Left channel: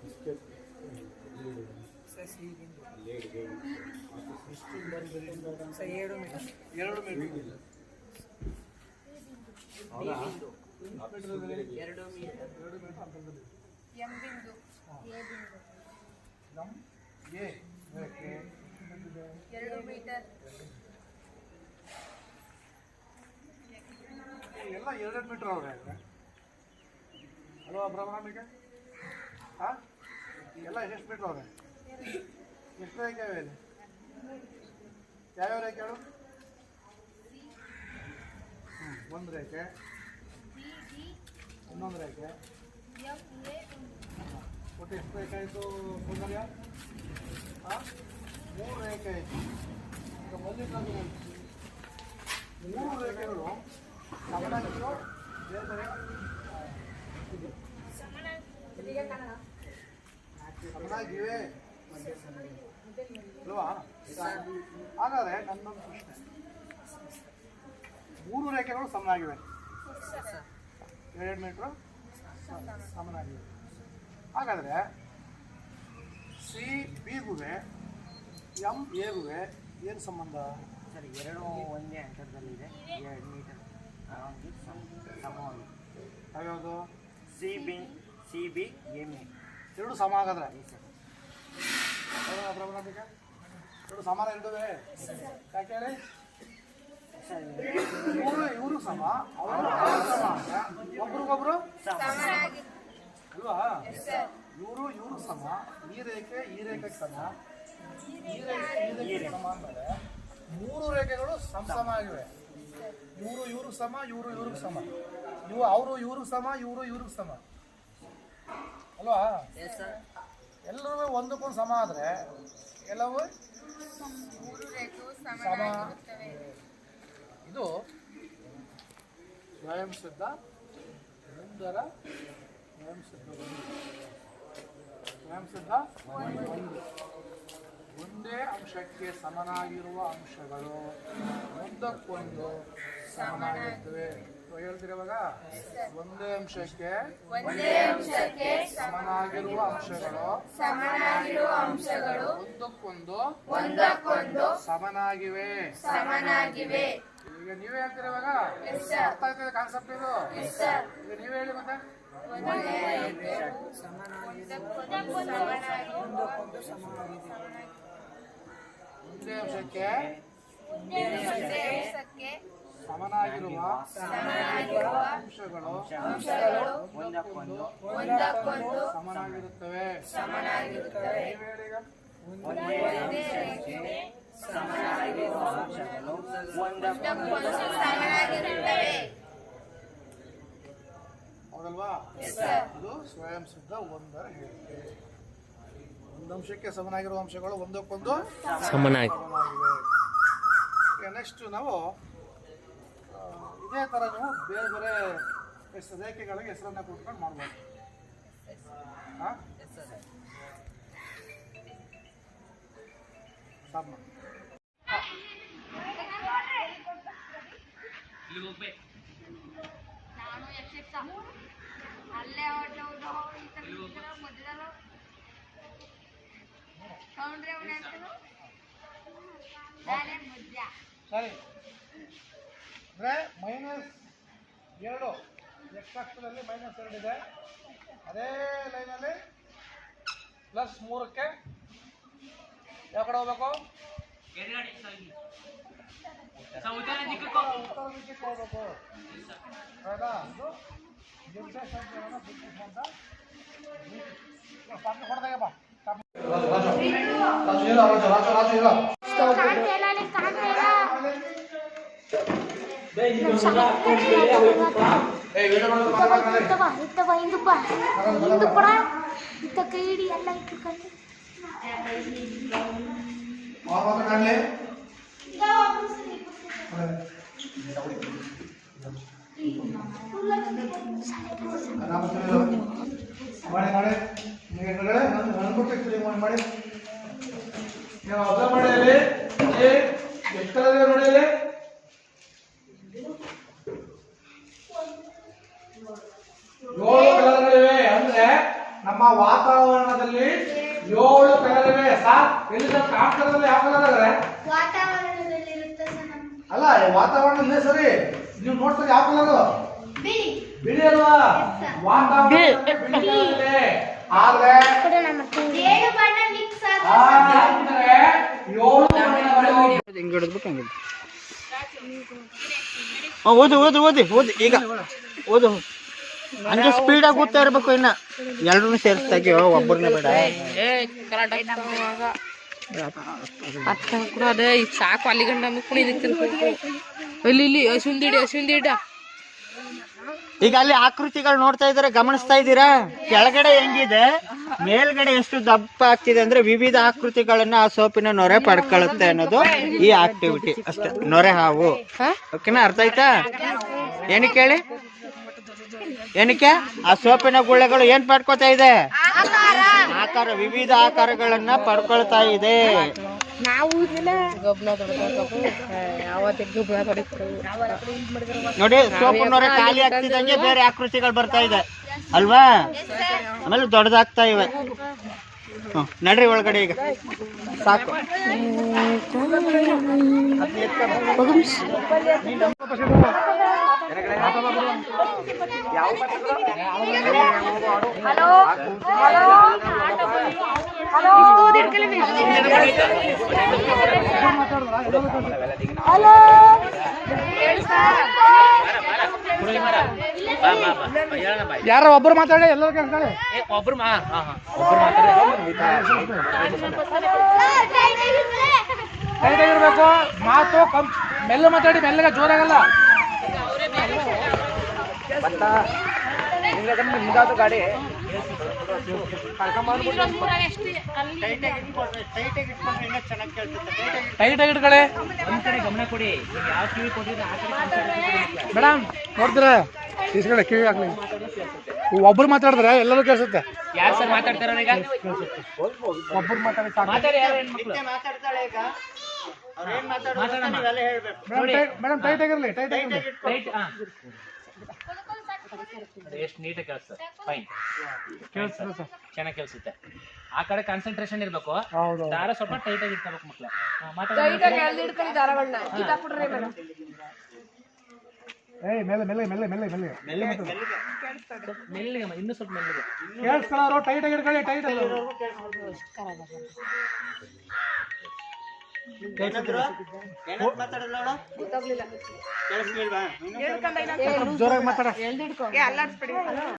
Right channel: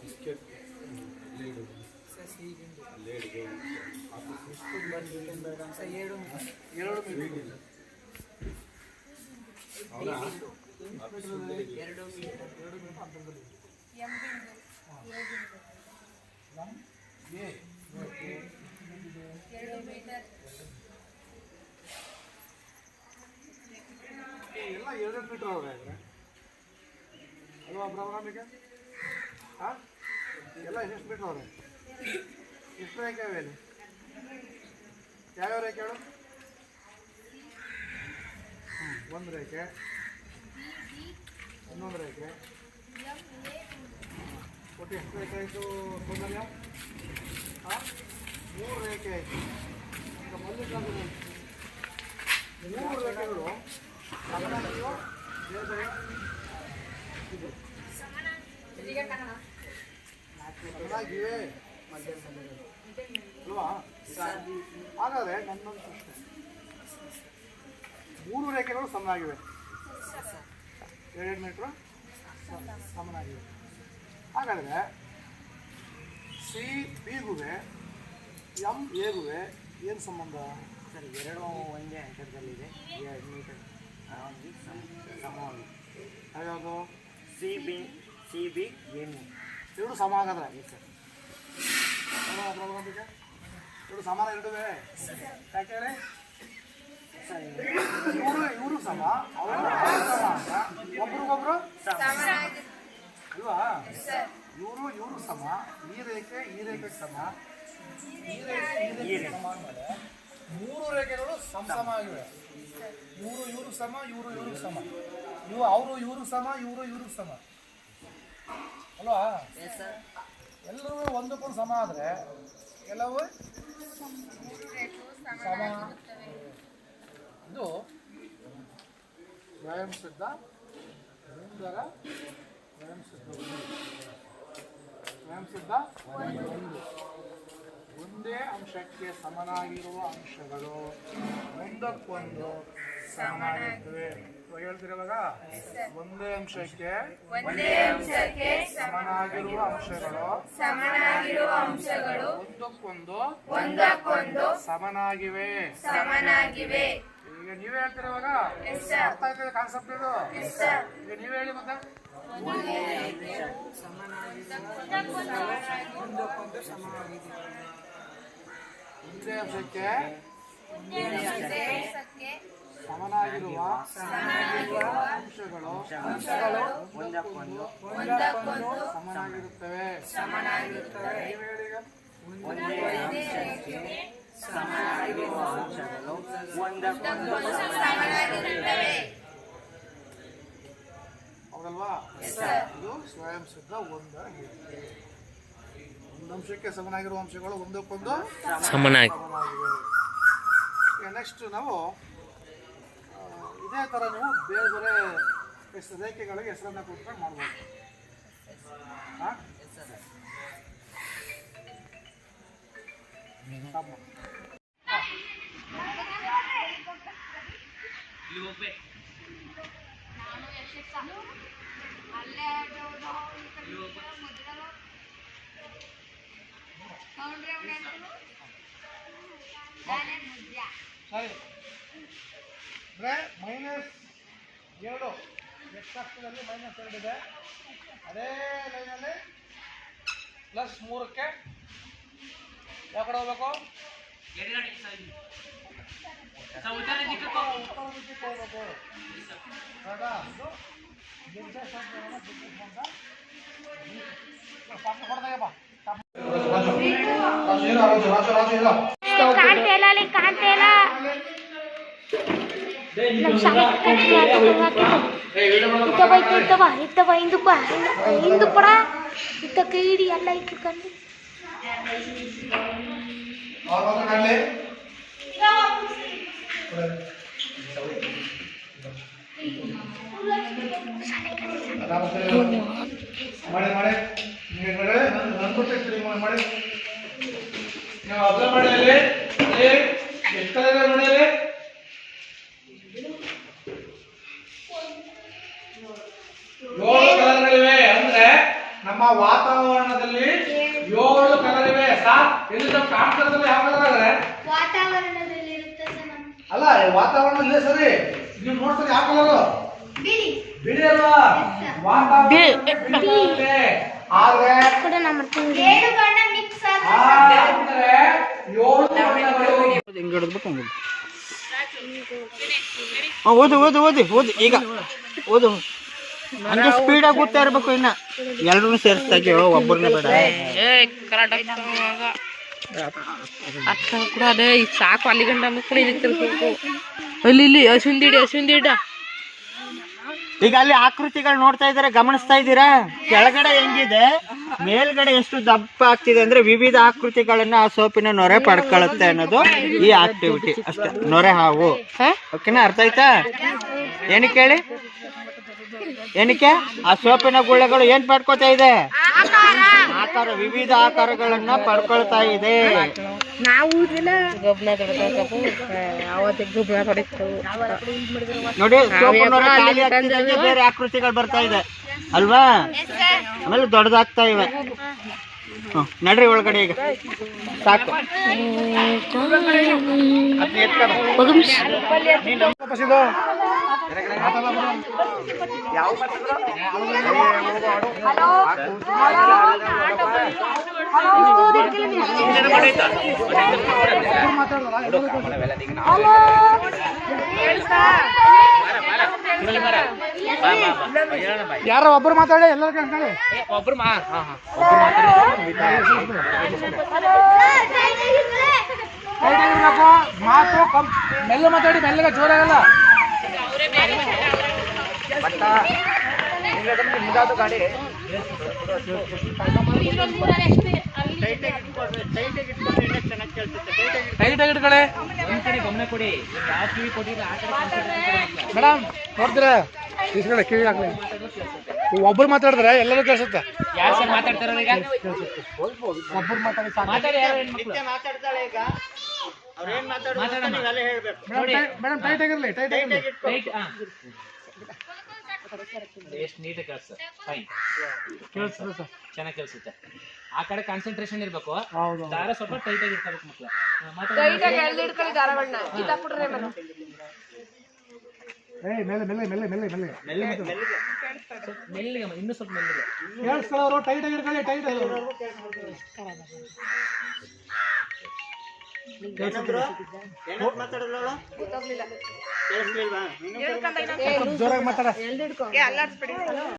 Biscuit ಎರಡು metre ಎಲ್ಲ 2 metre ಅವ್ರೆ ಅಲ್ವಾ ಬ್ರಹ್ಮನಿಗೆ? ಹಾಂ, ಎಲ್ಲ ಎಷ್ಟು ಮೀಟರ್ ಅವ್ರೆ? ಎಷ್ಟು ರೇಖೆ ಅವೆ ಇಲ್ಲಿ? ಯಾವ್ಯಾವ ರೇಖೆ ಹೇಳು? ಒಂದು ರೇಖೆ, ಇನ್ನೊಂದು ರೇಖೆ, ಒಟ್ಟು ಎಷ್ಟು ರೇಖೆ ಆಯಿತು ಸೌಂದರ್ಯ? ಹಾಂ, 3 ರೇಖೆ ಆಯಿತು. ಈಗ ಮಲ್ಲಿಕಾರ್ಜುನ 3 ರೇಖೆಗಳು ಸಮನಾಗಿಯೋ ಬೇರೆ ಬೇರೆ ಸಮನಾಗಿವೆ ಅಲ್ವಾ? ಹಾಗಾದರೆ ನನ್ನೊಂದು ಪ್ರಶ್ನೆ, 3 ರೇಖೆಗಳು ಸಮನಾಗಿವೆ, 2 ಮೀಟ್ರ್ ಸಮನಾಗಿವೆ. ಹಾಗಾದರೆ ಸಿ ಬಿಗುವೆ ಎಂ ಎಗುವೆ ಏನು ಸಂಬಂಧ? ಸರ್, ಎರಡು ಒಂದೇ ಅಂತರದಲ್ಲಿದೆ, 2 ಮೀಟರ್ ಸಮವಾಗಿ. ಯಾವ್ಯಾವುದು? ಸಿ ಬಿ ಏನು ಎರಡು ಸಮ ಆಗದ್ರ? ಸರ್, ಎರಡು ಸಮಾನ ಎರಡುವೆ. ಯಾಕೆ ಹೇಳಿ? ಸರ್, ಇವರು ಸಮ, ಅವರು ಸಮ ಅಂತ ಒಬ್ರಿಗೊಬ್ರು ಅಲ್ವಾ? ಇವರು ಸಮ, ಈ ರೇಖೆ ಸಮ, ಈ ರೇಖೆ ಸಮ ಅಂದಮೇಲೆ 3 ರೇಖೆಗಳು ಸಮ ಆಗಿವೆ. ಇವರು ಸಮ, ಇವ್ರಿಗೆ ಸಮ, ಇವರು ಸಮ, ಇವ್ರಿಗೆ ಸಮ ಅಲ್ವಾ? ಎಲ್ಲರೂ ಒಂದಕ್ಕೊಂದು ಸಮ ಆದರೆ ಎಲ್ಲವೂ ಸಮ. ಇದು ವ್ಯಾಯಾಮ ಸಿದ್ಧ ಒಂದರ ವ್ಯಾಯಾಮ ಸಿದ್ಧ ಒಂದೇ ಅಂಶಕ್ಕೆ ಸಮನಾಗಿರುವ ಅಂಶಗಳು ಒಂದಕ್ಕೊಂದು ಸಮನಾಗಿರ್ತವೆ. ಹೇಳ್ತಿರುವಾಗ ಒಂದೇ ಅಂಶಕ್ಕೆ ಸಮನಾಗಿರುವ ಅಂಶಗಳು ಒಂದಕ್ಕೊಂದು ಸಮನಾಗಿವೆ. ಈಗ ನೀವೇ ಹೇಳ್ತಿರುವಾಗ ಅರ್ಥ ಆಗ್ತದೆ ಕಾನ್ಸೆಪ್ಟ್ ಇದು. ಈಗ ನೀವೇ ಹೇಳಿ ಮತ್ತೆ. ಒಂದೇ ಅಂಶಕ್ಕೆ ಸಮನಾಗಿರುವ ಅಂಶಗಳು ಒಂದಕ್ಕೊಂದು ಸಮನಾಗಿರುತ್ತವೆ. ಹೌದಲ್ವಾ? ಇದು ಸ್ವಯಂ ಸಿದ್ಧ ಒಂದರ ಹೇಳಿಕೆ. ಒಂದು ಅಂಶಕ್ಕೆ ಸಮನಾಗಿರುವ ಅಂಶಗಳು ಒಂದಕ್ಕೊಂದು ಸಮನಾಗಿವೆ. ಈಗ ನೆಕ್ಸ್ಟ್ ನಾವು ಇದೇ ಥರ ನೀವು ಬೇರೆ ಬೇರೆ ರೇಖೆಗಳಿಗೆ ಹೆಸರನ್ನು ಕೊಟ್ಕೊಂಡು ಮಾಡ್ಬೋದು. ಹಾಂ, ಸರಿ, ಅಂದರೆ -2 ಎಕ್ಸ್ ಅಕ್ಷದಲ್ಲಿ -2 ಇದೆ. ಅದೇ ಲೈನಲ್ಲಿ +3ಕ್ಕೆ ಯಾವ ಕಡೆ ಹೋಗ್ಬೇಕು? ಉತ್ತರ ದಿಕ್ಕಿಗೆ ಹೋಗ್ಬೇಕು. ಹೌದಾ? ಇದು ನಿರ್ದೇಶಾಂಕಗಳನ್ನು ಅಂತ ಕೊಡ್ದಾಗಪ್ಪ. ನಮ್ಮ ವಾತಾವರಣದಲ್ಲಿ 7 ಕಲರ್ ಇವೆ ಸರ್. ಇಲ್ಲಿ ಕಾಂತದಲ್ಲಿ ಯಾವ ಕಲರ್ ಇದೆ? ವಾತಾವರಣದಲ್ಲಿ ಇರುತ್ತೆ ಸರ್. ಅಲ್ಲ ವಾತಾವರಣದಲ್ಲಿ ಸರಿ ನೀವು ನೋಡ್ತಾರೆ ಯಾವ ಕಲರ್? ಬಿಳಿ. ಬಿಳಿ ಅಲ್ವಾ? ವಾತಾವರಣದಲ್ಲಿ ಬಿಳಿ ಇದೆ. ಆದ್ರೆ 7 ಬಣ್ಣ ಮಿಕ್ಸ್ ಅಂದ್ರೆ 7 ಬಣ್ಣಗಳು. ಹಿಂಗೆ ಹಿಡಿದ್ಬಿಟ್ಟು ಹಂಗೆ ಓದು ಓದು ಓದಿ ಓದಿ ಈಗ ಓದು ಹಂಗೆ ಸ್ಪೀಡಾಗಿ ಓದ್ತಾ ಇರ್ಬೇಕು. ಇನ್ನ ಎಲ್ಲರೂ ಸೇರಿಸ್ತಾಗೆ ಒಬ್ಬರನ್ನೇ ಬೇಡ. ಅದೇ ಈಗ ಸಾಕು ಅಲ್ಲಿ ಗಂಡ ಮುಕ್ಳಿರ್ಬೇಕು. ಇಲ್ಲಿ ಅಶ್ವಿಂದಿಡ ಈಗ ಅಲ್ಲಿ ಆಕೃತಿಗಳು ನೋಡ್ತಾ ಇದ್ದಾರೆ, ಗಮನಿಸ್ತಾ ಇದ್ದೀರಾ? ಕೆಳಗಡೆ ಹೆಂಗಿದೆ, ಮೇಲ್ಗಡೆ ಎಷ್ಟು ದಪ್ಪ ಆಗ್ತಿದೆ ಅಂದ್ರೆ ವಿವಿಧ ಆಕೃತಿಗಳನ್ನ ಆ ಸೋಪಿನ ನೊರೆ ಪಡ್ಕೊಳ್ಳುತ್ತೆ ಅನ್ನೋದು ಈ ಆಕ್ಟಿವಿಟಿ ಅಷ್ಟೇ. ನೊರೆ ಹಾವು, ಓಕೆನಾ? ಅರ್ಥ ಆಯ್ತಾ? ಏನಕ್ಕೆ ಹೇಳಿ, ಏನಕ್ಕೆ? ಆ ಸೋಪಿನ ಗುಳ್ಳೆಗಳು ಏನ್ ಪಡ್ಕೋತಾ ಇದೆ? ಆಕಾರ, ವಿವಿಧ ಆಕಾರಗಳನ್ನ ಪಡ್ಕೊಳ್ತಾ ಇದೆ. ನೋಡಿ, ಸೋಪು ನೊರೆ ಖಾಲಿ ಆಗ್ತಿದಂಗೆ ಬೇರೆ ಆಕೃತಿಗಳು ಬರ್ತಾ ಇದೆ ಅಲ್ವಾ? ಆಮೇಲೆ ದೊಡ್ಡದಾಗ್ತಾ ಇವೆ. ನಡ್ರಿ ಒಳಗಡೆ ಈಗ ಸಾಕು. ಯಾರೋ ಒಬ್ರು ಮಾತಾಡಿ, ಎಲ್ಲರೂ ಕೇಳ್ಕೊಳ್ಳಿ. ಒಬ್ರು ಇರ್ಬೇಕು ಮಾತು ಮೆಲ್ಲ ಮಾತಾಡಿ, ಮೆಲ್ಲಗ ಜೋರಾಗಲ್ಲ. ಗಾಡಿ ಟೈಟ್ ಆಗಿ ಇಟ್ಕೊಳ್ಳಿ. ಒಂದ್ ಕಡೆ ಗಮನ ಕೊಡಿ. ಯಾವ ಕಿವಿ ಕೊಟ್ಟಿದ್ರೆ ಆ ಕಡೆ ಮೇಡಮ್ ನೋಡ್ತೀರ ಇಸ್ಕಡೆ ಕಿವಿ ಹಾಕ್ಲಿ. ಒಬ್ಬರು ಮಾತಾಡಿದ್ರೆ ಎಲ್ಲರೂ ಕೇಳಿಸುತ್ತೆ. ಯಾರು ಸರ್ ಮಾತಾಡ್ತಾರ ಈಗ? ಒಬ್ಬರು ಮಾತಾಡಿ ಮಾತಾಡಿ. ಯಾರು ಹೆಣ್ಮಕ್ಳು ಮೇಡಮ್ ಟೈಟ್ ಆಗಿರ್ಲಿ, ಟೈಟ್ ಆಗಿರ್ಲಿ. ರೈಟ್. ಎಷ್ಟು ನೀಟಾಗಿ ಕೇಳಿಸ್ತದೆ. ಫೈನ್, ಕೇಳಿಸ್ತದೆ ಸರ್, ಚೆನ್ನಾಗಿ ಕೇಳಿಸುತ್ತೆ. ಆ ಕಡೆ ಕಾನ್ಸಂಟ್ರೇಷನ್ ಇರ್ಬೇಕು. ಹೌದು. ದಾರ ಸ್ವಲ್ಪ ಟೈಟ್ ಆಗಿ ಇರ್ಬೇಕು ಮಕ್ಳು. ಮೆಲ್ಲ ಮೆಲ್ಲ ಮೆಲ್ಲ ಮೆಲ್ಲ ಮೆಲ್ಲ ಮೆಲ್ಲಿಗೆ, ಇನ್ನೂ ಸ್ವಲ್ಪ ಮೆಲ್ಲಿಗೆ ಕೇಳಿಸ್ಕೊಳ್ಳೋರು ಟೈಟ್ ಆಗಿ ಇಟ್ಕೊಳ್ಳಿ. ಟೈಟ್ ಆಗಿ ಜೋರಾಗಿ ಮಾತಾಡ.